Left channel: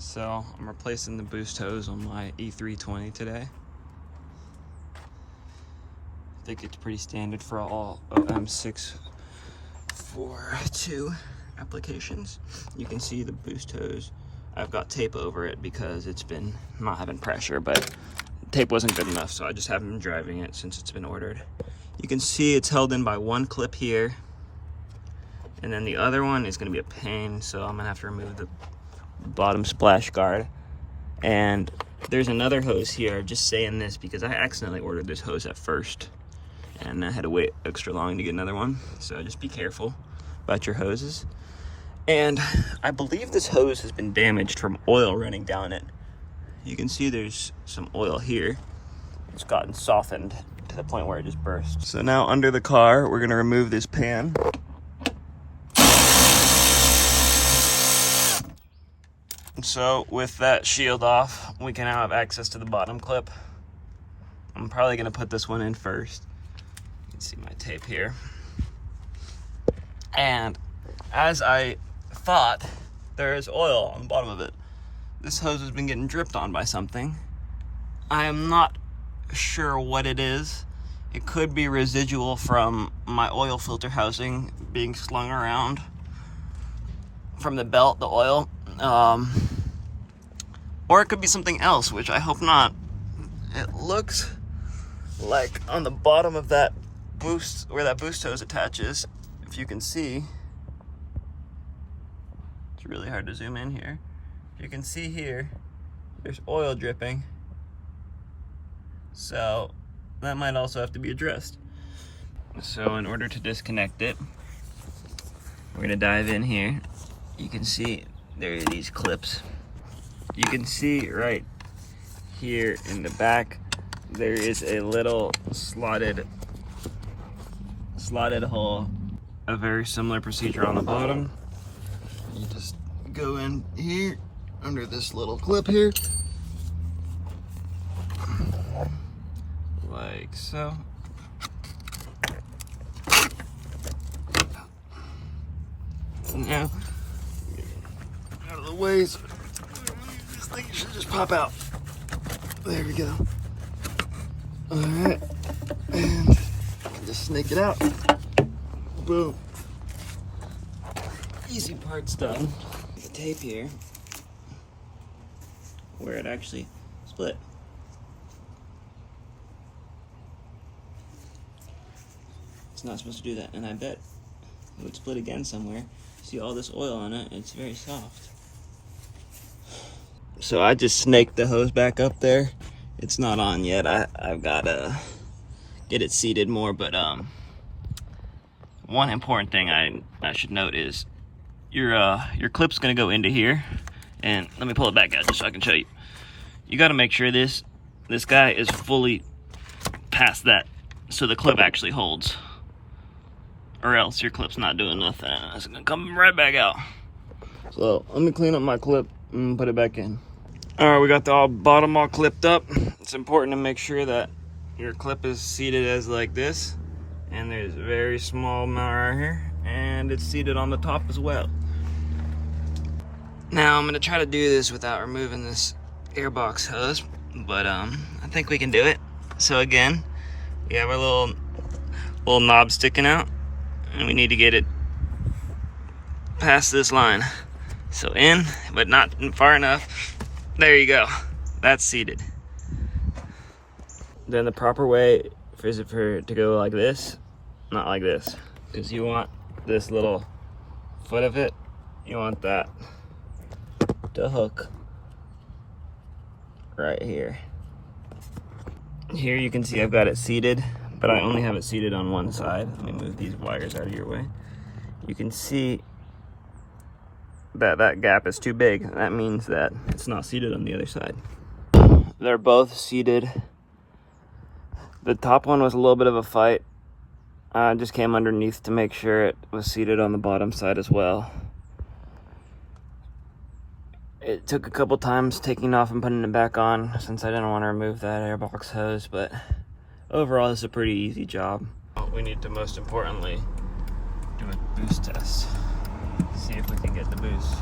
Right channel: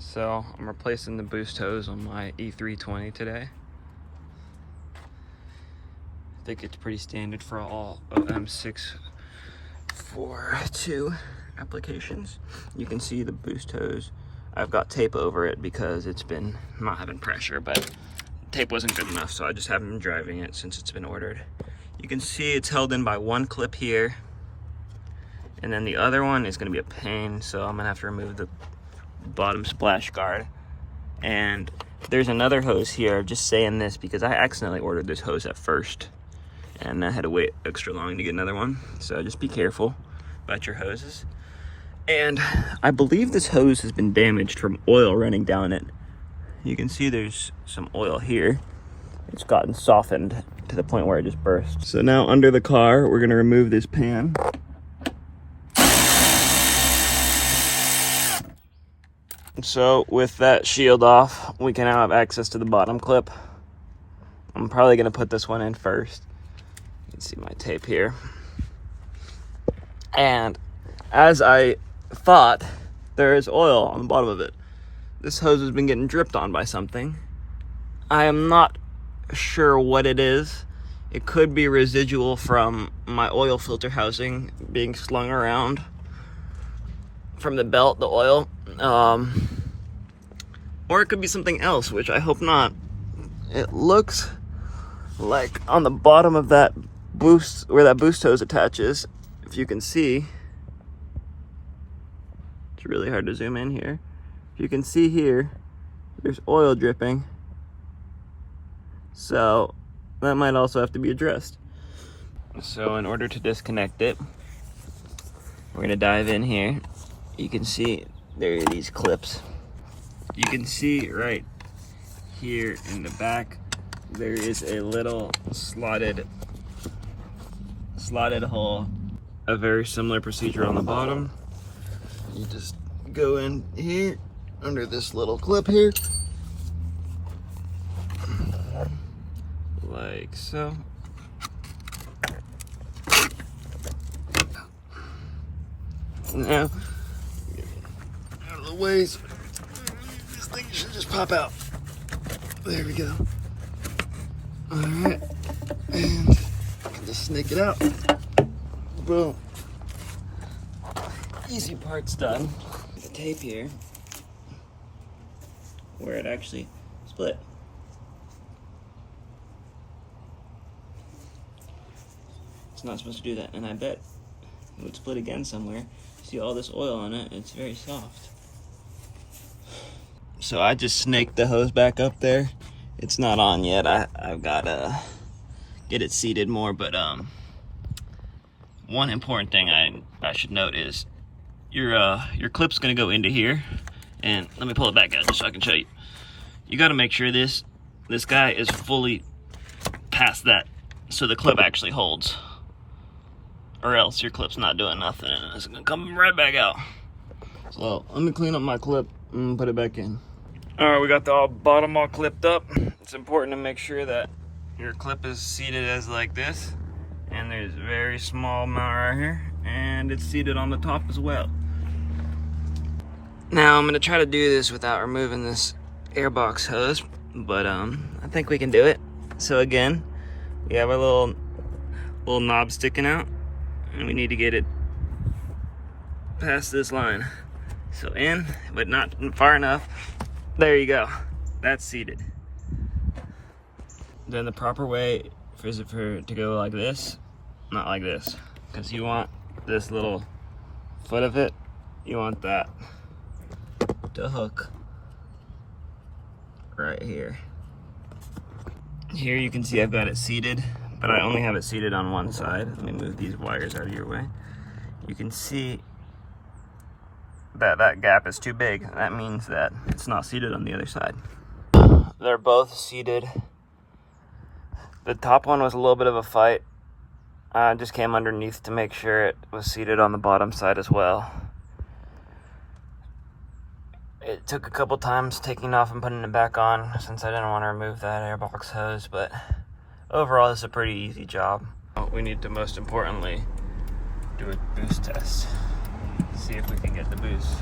So I'm replacing the boost hose on my E320 today. I think it's pretty standard for all OM642 applications. You can see the boost hose. I've got tape over it because it's been not having pressure, but tape wasn't good enough, so I just haven't been driving it since it's been ordered. You can see it's held in by one clip here, and then the other one is gonna be a pain, so I'm gonna have to remove the bottom splash guard. And there's another hose here. Just saying this because I accidentally ordered this hose at first and I had to wait extra long to get another one, so just be careful about your hoses. And I believe this hose has been damaged from oil running down it. You can see there's some oil here. It's gotten softened to the point where it just burst. So now under the car, we're gonna remove this pan. So with that shield off, we can now have access to the bottom clip. I'm probably gonna put this one in first. You can see my tape here. And as I thought, there is oil on the bottom of it. This hose has been getting dripped on by something. I am not sure what it is. It could be residual from my oil filter housing being slung around from the belt, the oil. Or it could be something else, which I hope not. It looks like on the bottom of that boost, where that boost hose attaches, if you can see, it's really hard to zoom in here. If you can see here, there's oil dripping. So that might also have to be addressed. So in order to disconnect it, we're gonna dive in here. You can see there are these clips. You can see right here in the back, there is a little slotted hole. A very similar procedure on the bottom. You just go in here under this little clip here, like so. Now, out of the way, so this thing should just pop out. There we go. All right, and I can just snake it out. Boom. Easy part's done. The tape here, where it actually split. It's not supposed to do that, and I bet it would split again somewhere. See all this oil on it, it's very soft. So I just snaked the hose back up there. It's not on yet. I've got to get it seated more, but one important thing I should note is your clip's gonna go into here, and let me pull it back out just so I can show you. You got to make sure this guy is fully past that, so the clip actually holds, or else your clip's not doing nothing and it's gonna come right back out. So let me clean up my clip and put it back in. All right, we got the bottom all clipped up. It's important to make sure that your clip is seated as like this, and there's a very small amount right here, and it's seated on the top as well. Now I'm gonna try to do this without removing this airbox hose, but I think we can do it. So again, we have our little knob sticking out, and we need to get it past this line. So in, but not far enough. There you go, that's seated. Then the proper way is for it to go like this, not like this, because you want this little foot of it, you want that to hook right here. Here you can see I've got it seated, but I only have it seated on one side. Let me move these wires out of your way. You can see that gap is too big. That means that it's not seated on the other side. They're both seated. The top one was a little bit of a fight. I just came underneath to make sure it was seated on the bottom side as well. It took a couple times taking it off and putting it back on since I didn't want to remove that airbox hose, but overall this is a pretty easy job. We need to most importantly do a boost test. See if we can get the boost.